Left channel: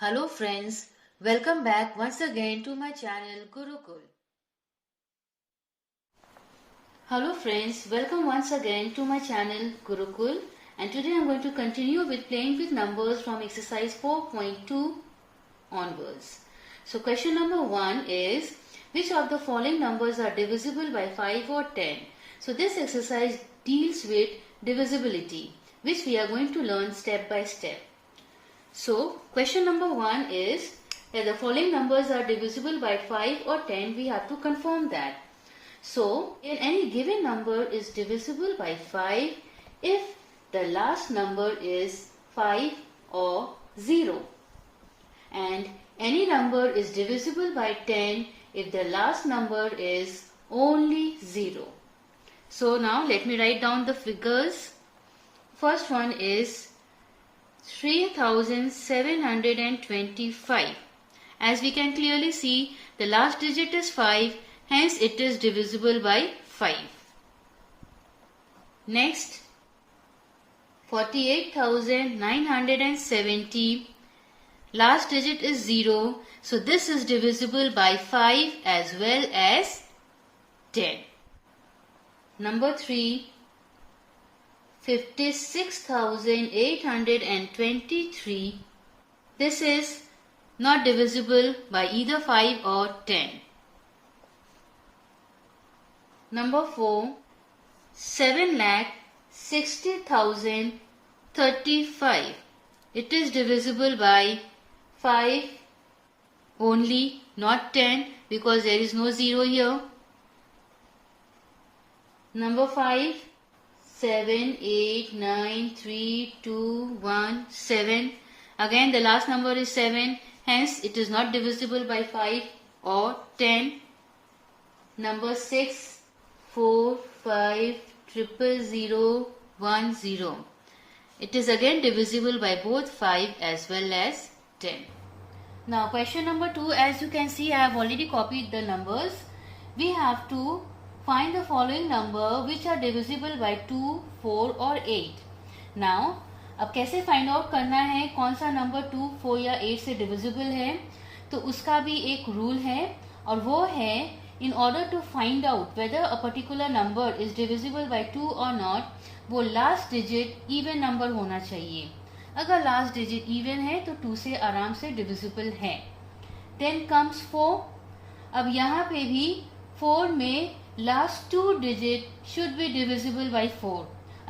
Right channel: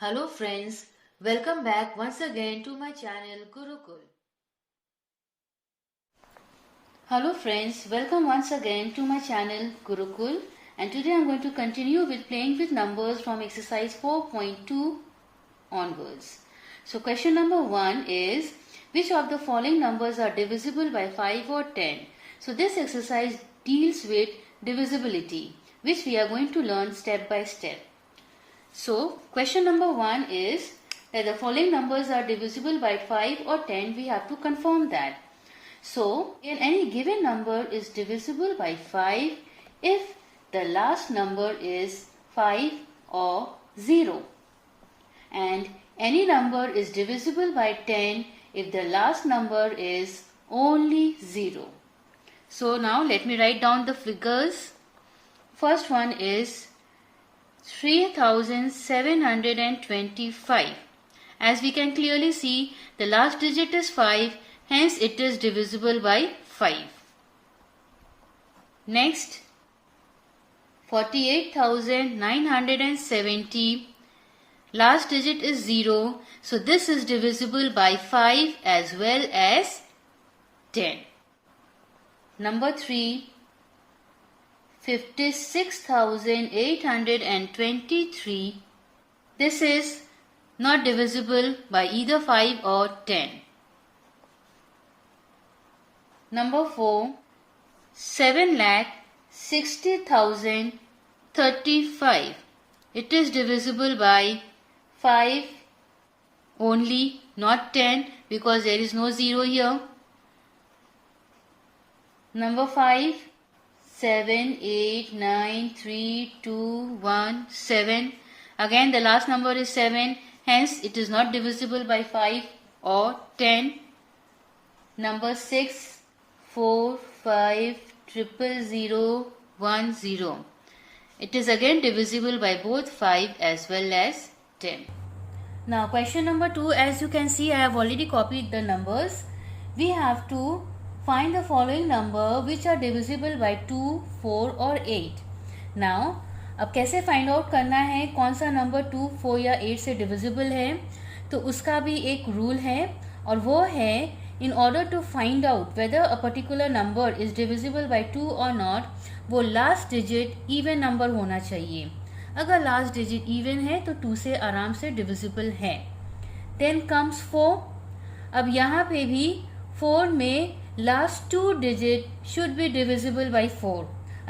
Hello friends, welcome back once again to my channel Gurukul. Hello friends, welcome once again to my channel Gurukul, and today I am going to continue with playing with numbers from exercise 4.2 onwards. So question number 1 is, which of the following numbers are divisible by 5 or 10? So this exercise deals with divisibility, which we are going to learn step by step. So, question number 1 is that the following numbers are divisible by 5 or 10. We have to confirm that. So, in any given number is divisible by 5 if the last number is 5 or 0. And any number is divisible by 10 if the last number is only 0. So, now let me write down the figures. First one is 3725. As we can clearly see, the last digit is 5, hence it is divisible by 5. Next, 48,970. Last digit is 0, so this is divisible by 5 as well as 10. Number 3. 56,823. This is not divisible by either 5 or 10. Number 4. 7,60,035. It is divisible by 5 only, not 10, because there is no 0 here. Number 5. 7, 8, 9, 3, 2, 1, 7. Again the last number is 7, hence it is not divisible by 5 or 10. Number 6, 4, 5, 000, 10. It is again divisible by both 5 as well as 10. Now question number 2, as you can see I have already copied the numbers. We have to find the following number which are divisible by 2, 4 और 8. Now, अब कैसे find out करना है कौन सा number 2, 4 या 8 से divisible है, तो उसका भी एक रूल है और वो है in order to find out whether a particular number is divisible by 2 or not, वो लास्ट डिजिट इवन नंबर होना चाहिए. अगर लास्ट डिजिट इवन है तो 2 से आराम से डिविजिबल है. Then comes 4. अब यहाँ पे भी 4 में last 2 digit should be divisible by 4.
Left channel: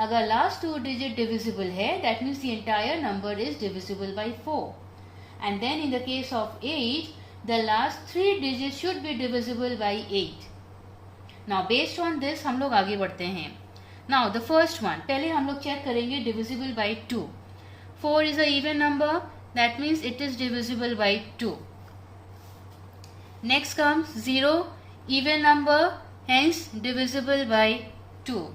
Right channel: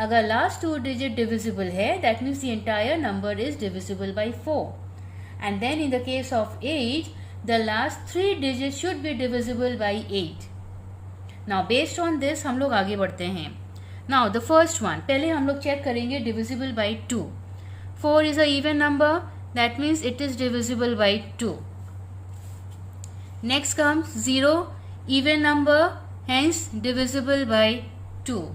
अगर last 2 digit divisible है, that means the entire number is divisible by 4. And then in the case of 8, the last 3 digits should be divisible by 8. Now based on this हम लोग आगे बढ़ते हैं. Now the first one, पहले हम लोग check करेंगे divisible by 2. 4 is a even number, that means it is divisible by 2. Next comes 0, even number, hence divisible by 2.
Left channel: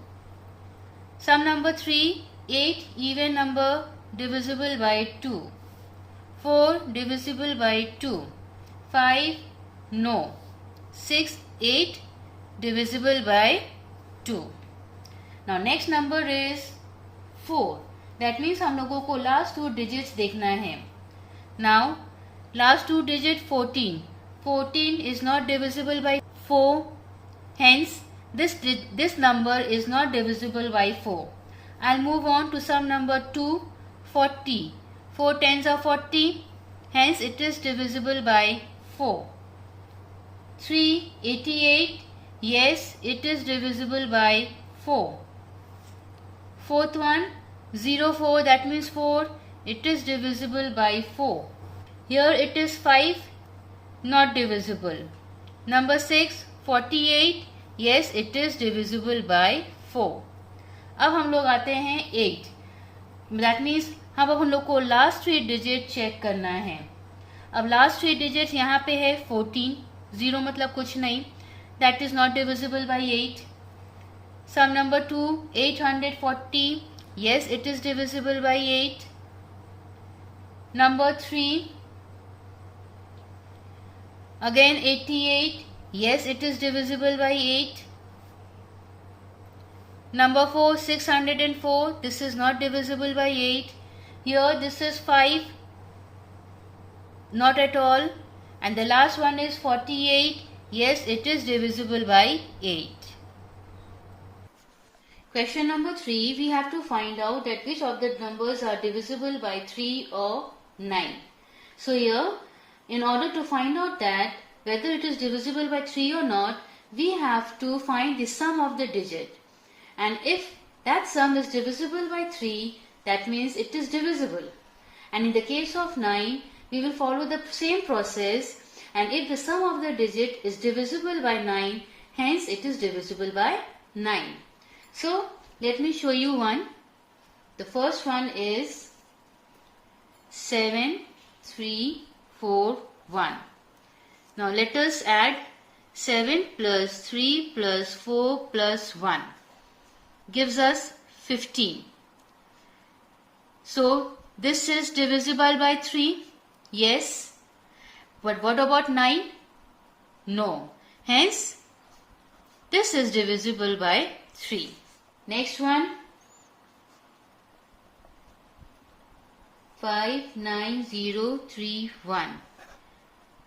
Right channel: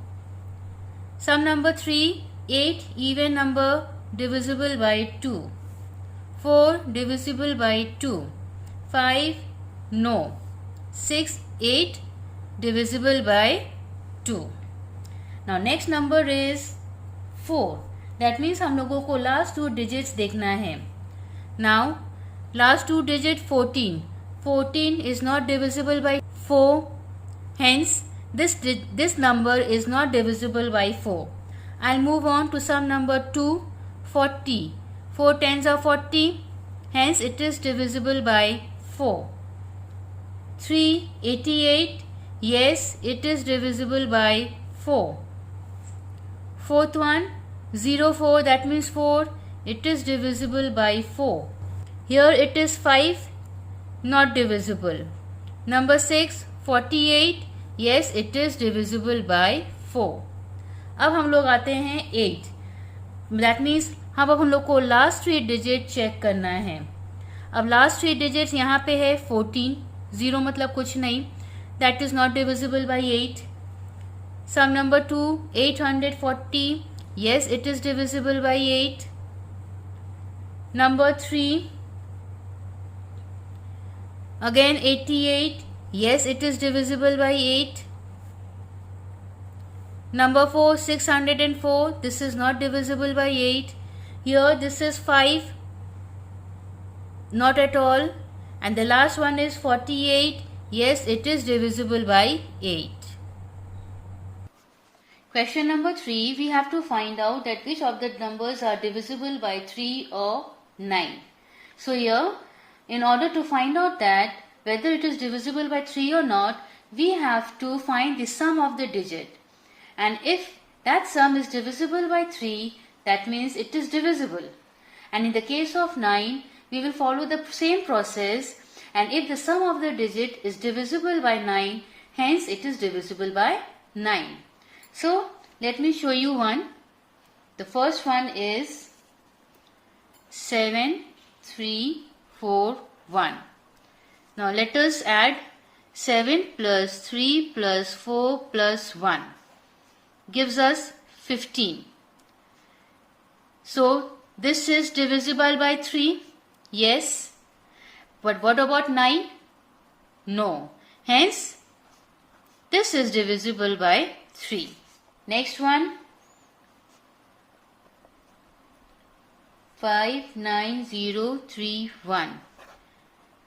Sum number 3, 8, even number, divisible by 2. 4, divisible by 2. 5, no. 6, 8, divisible by 2. Now next number is 4. That means हम लोगों को last 2 digits देखना है. Now last 2 digit 14. 14 is not divisible by 4. Hence, this number is not divisible by 4. I'll move on to sum number 2, 40. 4 tens are 40. Hence, it is divisible by 4. 3, 88. Yes, it is divisible by 4. Fourth one, 04. That means 4. It is divisible by 4. Here it is 5. Not divisible. Number 6. 48. Yes, it is divisible by 4. अब हम लोग आते हैं 8. That means अब हम लोग को last 3 digit check करना है. अब लास्ट 3 डिजिट्स यहाँ पे है 14. 0 मतलब कुछ नहीं. That is not divisible by 8. Sum number 2, 840. Yes, it is divisible by 8. Number 3, again 88. Yes, it is divisible by 8. Number 4, 604. This is not divisible by 8. Here this is 5. Not at all. And the last one is 48. Yes, it is divisible by 8. Question number 3, we have to find out that which of the numbers are divisible by 3 or 9. So here, in order to find out that whether it is divisible by 3 or not, we have to find the sum of the digit. And if that sum is divisible by 3, that means it is divisible. And in the case of 9, we will follow the same process, and if the sum of the digit is divisible by 9, hence it is divisible by 9. So, let me show you one. The first one is 7, 3, 4, 1. Now, let us add 7 plus 3 plus 4 plus 1. Gives us 15. So, this is divisible by 3. Yes. But what about 9? No. Hence, this is divisible by 3. Next one, 5, 9, 0, 3, 1.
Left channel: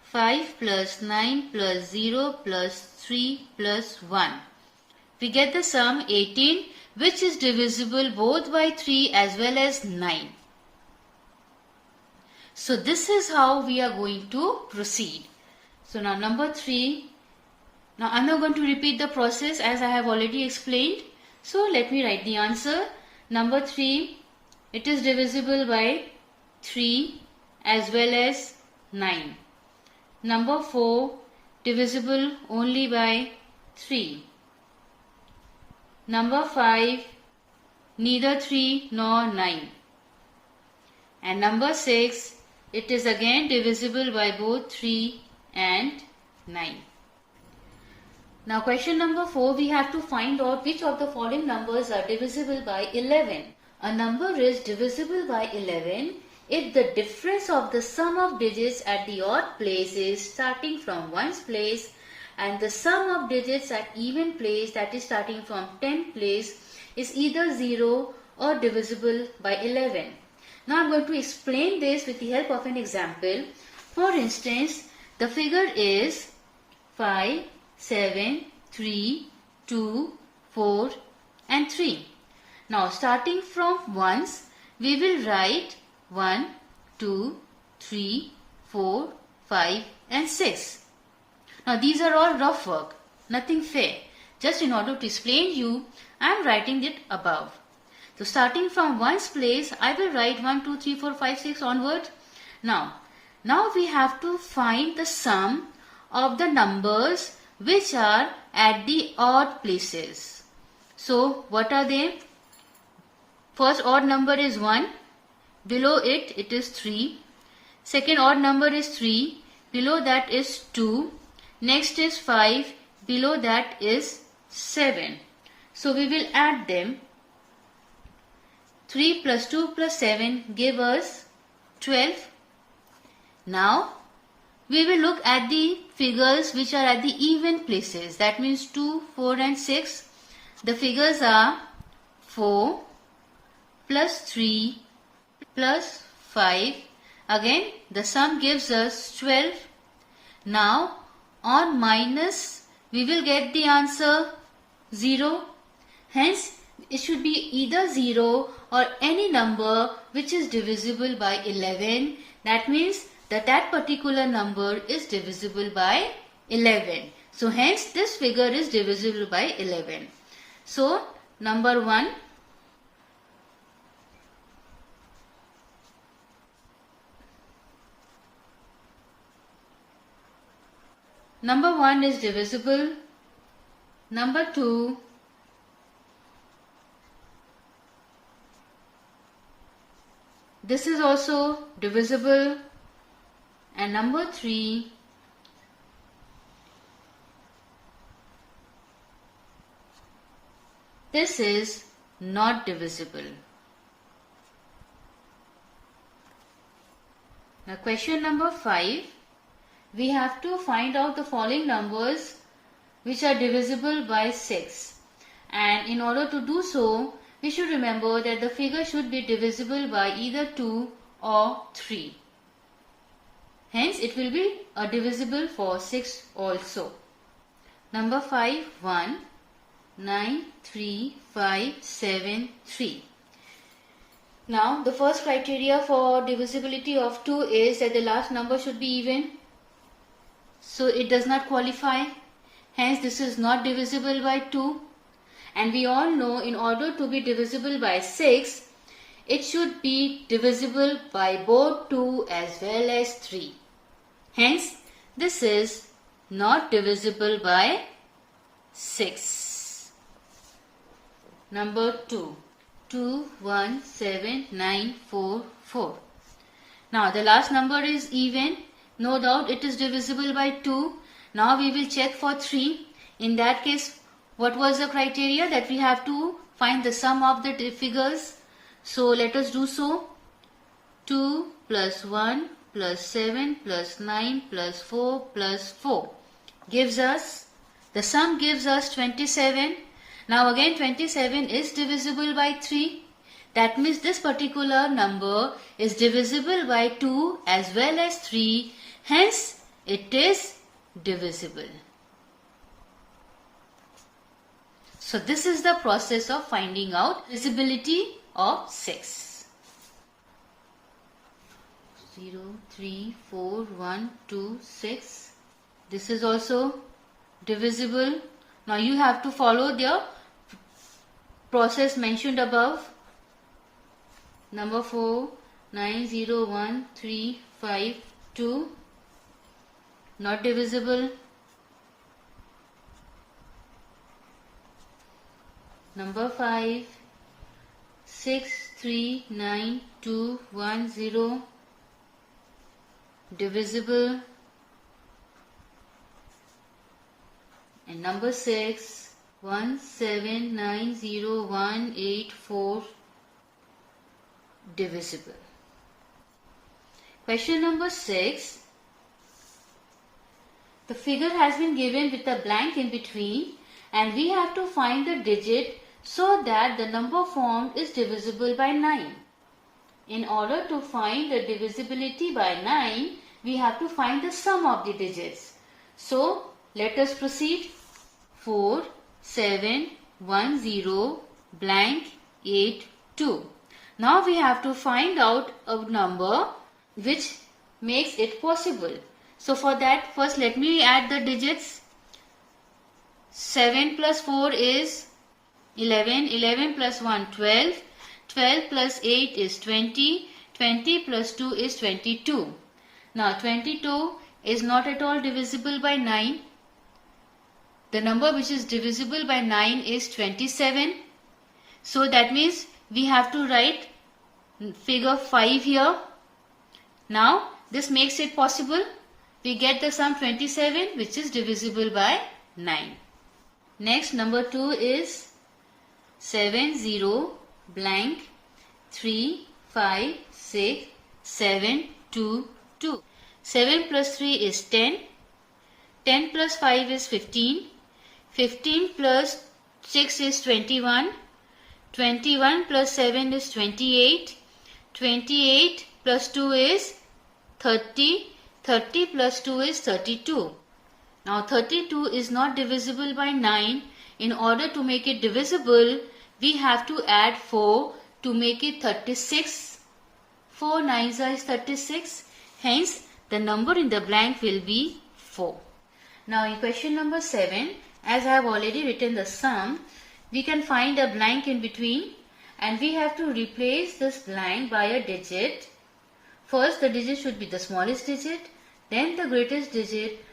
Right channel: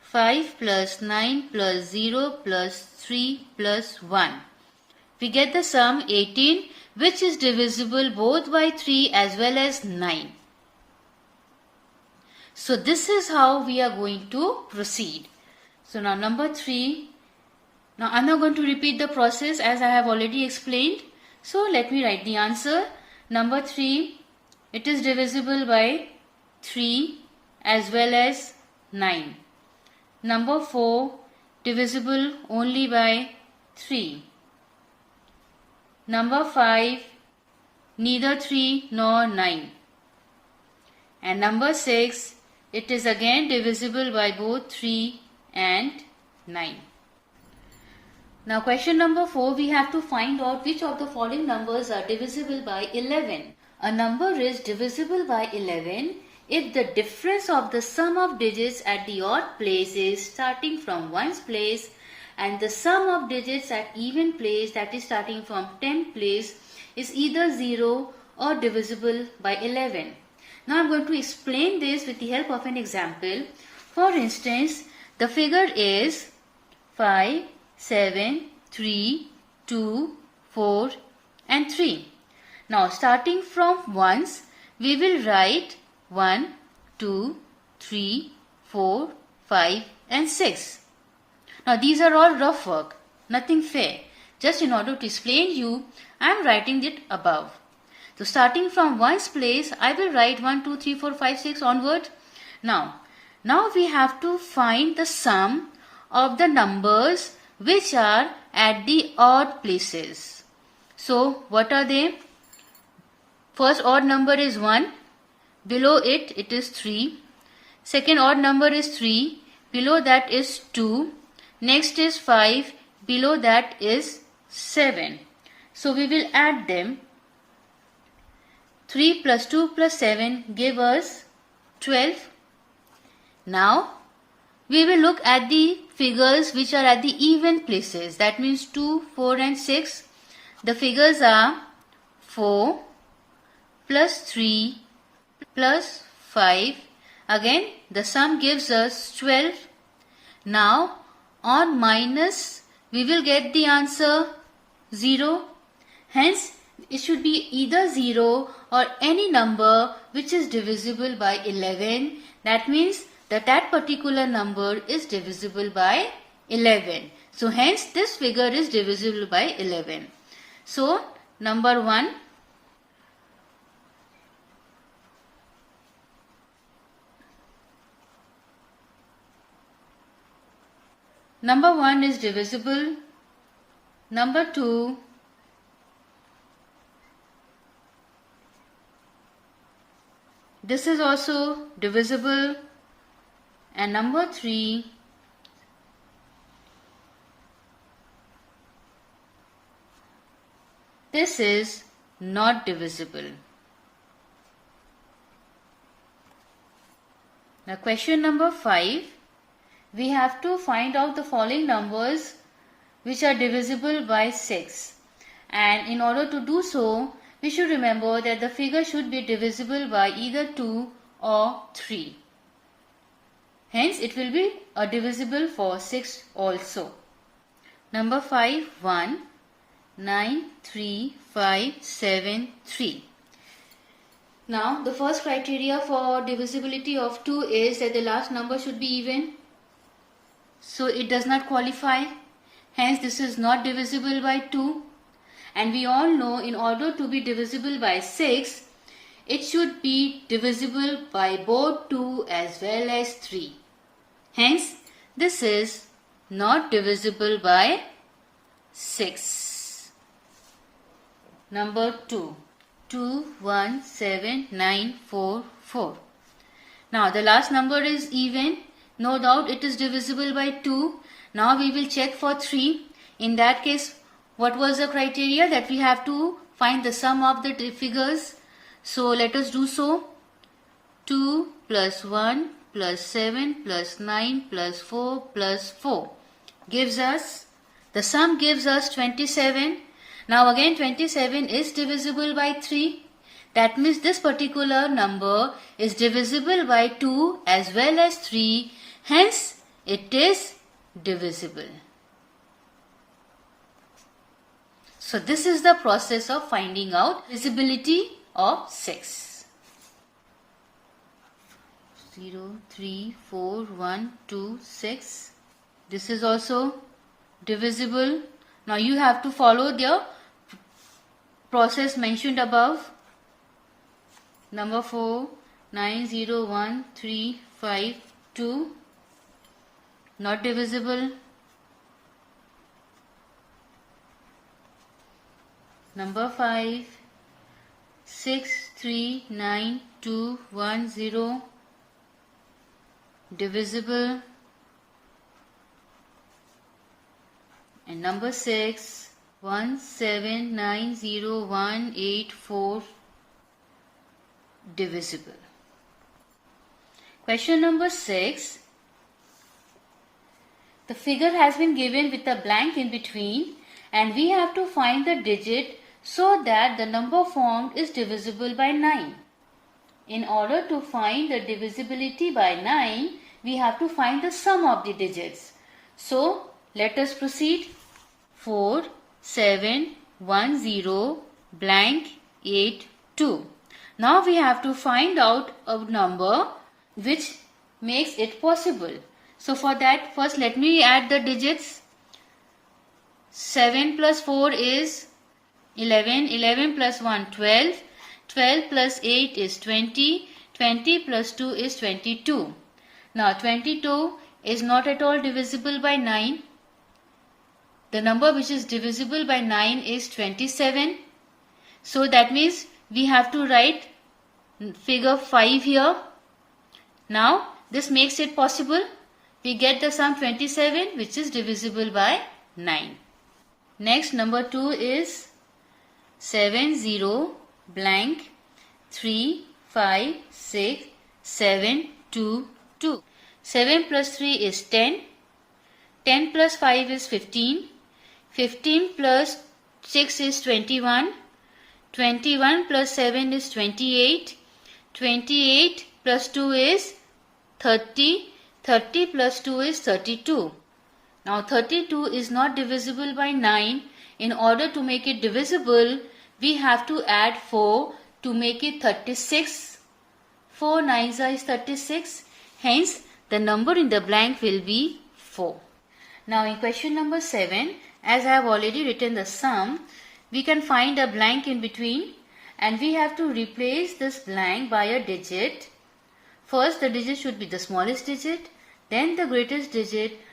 5 plus 9 plus 0 plus 3 plus 1. We get the sum 18, which is divisible both by 3 as well as 9. So this is how we are going to proceed. So now number 3. Now I am not going to repeat the process as I have already explained. So let me write the answer. Number 3, it is divisible by 3 as well as 9. Number 4, divisible only by 3. Number 5, neither 3 nor 9. And number 6, it is again divisible by both 3 and 9. Now question number 4, we have to find out which of the following numbers are divisible by 11. A number is divisible by 11 if the difference of the sum of digits at the odd place is starting from 1's place and the sum of digits at even place, that is starting from 10th place, is either 0 or divisible by 11. Now I am going to explain this with the help of an example. For instance, the figure is 5, 7, 3, 2, 4 and 3. Now starting from ones, we will write 1, 2, 3, 4, 5 and 6. Now these are all rough work, nothing fair. Just in order to explain you, I am writing it above. So starting from ones place, I will write 1, 2, 3, 4, 5, 6 onward. Now we have to find the sum of the numbers which are at the odd places. So what are they? First odd number is 1. Below it, it is 3. Second odd number is 3. Below that is 2. Next is 5. Below that is 7. So we will add them. 3 plus 2 plus 7 give us 12. Now we will look at the figures which are at the even places. That means 2, 4 and 6. The figures are 4 plus 3 plus 5. Again the sum gives us 12. Now on minus we will get the answer 0. Hence it should be either 0 or any number which is divisible by 11. That means that particular number is divisible by 11. So hence this figure is divisible by 11. So number 1. Number 1 is divisible. Number 2. This is also divisible. And number 3. This is not divisible. Now question number 5. We have to find out the following numbers which are divisible by 6. And in order to do so, we should remember that the figure should be divisible by either 2 or 3. Hence, it will be a divisible for 6 also. Number 5, 1, 9, 3, 5, 7, 3. Now, the first criteria for divisibility of 2 is that the last number should be even. So, it does not qualify. Hence, this is not divisible by 2. And we all know in order to be divisible by 6, it should be divisible by both 2 as well as 3. Hence, this is not divisible by 6. Number 2. 2, 1, 7, 9, 4, 4. Now, the last number is even. No doubt it is divisible by 2. Now, we will check for 3. In that case, what was the criteria? That we have to find the sum of the figures. So, let us do so. 2 plus 1 plus 7 plus 9 plus 4 plus 4 gives us, the sum gives us 27. Now again 27 is divisible by 3. That means this particular number is divisible by 2 as well as 3. Hence, it is divisible. So this is the process of finding out divisibility of 6. 0, 3, 4, 1, 2, 6. This is also divisible. Now you have to follow the process mentioned above. Number 4, 9, 0, 1, 3, 5, 2. Not divisible. Number 5, 6, 3, 9, 2, 1, 0. Divisible. And number 6, 1, 7, 9, 0, 1, 8, 4. Divisible. Question number 6. The figure has been given with a blank in between and we have to find the digit so that the number formed is divisible by 9. In order to find the divisibility by 9, we have to find the sum of the digits. So, let us proceed. 4, 7, 1, 0, blank, 8, 2. Now we have to find out a number which makes it possible. So for that, first let me add the digits. 7 plus 4 is 11, 11 plus 1, 12, 12 plus 8 is 20, 20 plus 2 is 22. Now 22 is not at all divisible by 9. The number which is divisible by 9 is 27. So that means we have to write figure 5 here. Now this makes it possible. We get the sum 27 which is divisible by 9. Next, number 2 is 7, 0, blank, 3, 5, 6, 7, 2, 2. 7 plus 3 is 10. 10 plus 5 is 15. 15 plus 6 is 21. 21 plus 7 is 28. 28 plus 2 is 30. 30 plus 2 is 32. Now 32 is not divisible by 9. In order to make it divisible, we have to add 4 to make it 36. 4 9s is 36. Hence, the number in the blank will be 4. Now in question number 7, as I have already written the sum, we can find a blank in between and we have to replace this blank by a digit. First, the digit should be the smallest digit, then the greatest digit,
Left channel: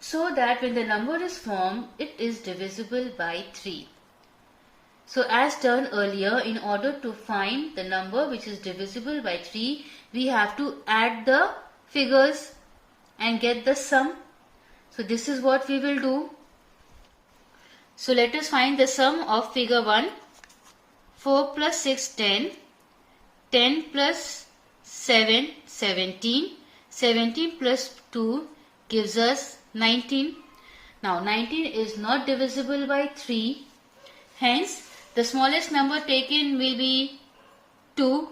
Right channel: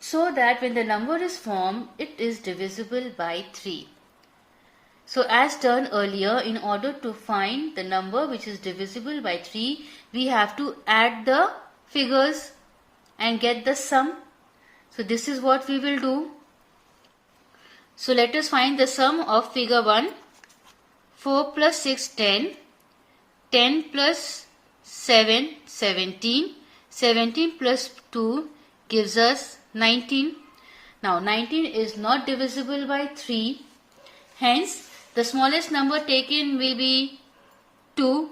so that when the number is formed, it is divisible by 3. So as done earlier, in order to find the number which is divisible by 3, we have to add the figures and get the sum. So this is what we will do. So let us find the sum of figure 1. 4 plus 6, 10. 10 plus 7, 17. 17 plus 2 gives us 19. Now 19 is not divisible by 3. Hence, the smallest number taken will be 2.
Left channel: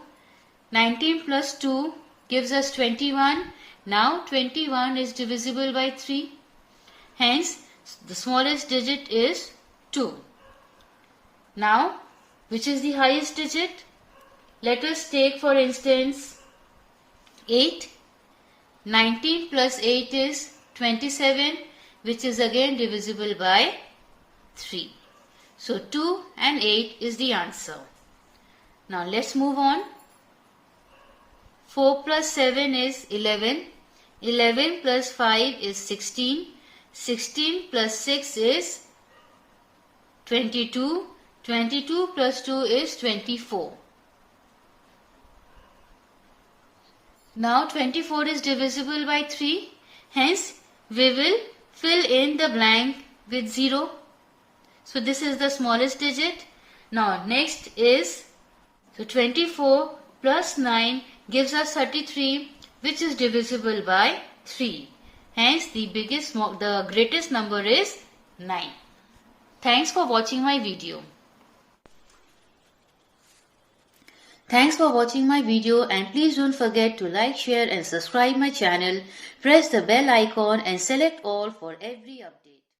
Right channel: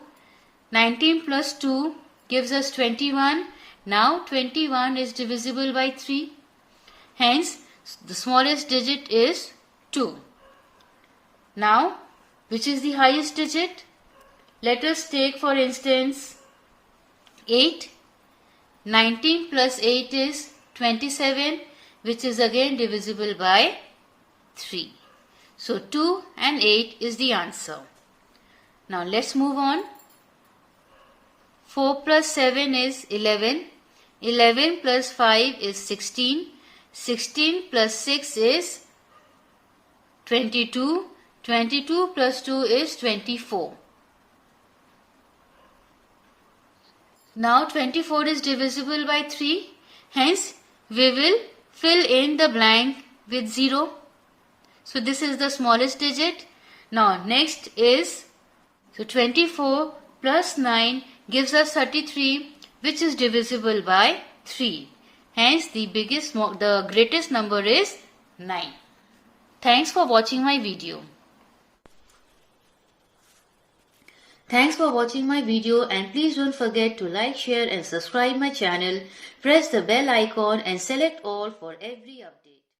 19 plus 2 gives us 21. Now 21 is divisible by 3. Hence, the smallest digit is 2. Now, which is the highest digit? Let us take for instance 8. 19 plus 8 is 27, which is again divisible by 3. So 2 and 8 is the answer. Now let's move on. 4 plus 7 is 11. 11 plus 5 is 16. 16 plus 6 is 22. 22 plus 2 is 24. Now 24 is divisible by 3. Hence, we will fill in the blank with 0. So this is the smallest digit. Now next is, so 24 plus 9 gives us 33, which is divisible by 3. Hence the greatest number is 9. Thanks for watching my video. Thanks for watching my video, and please don't forget to like, share and subscribe my channel. Press the bell icon and select all for every update.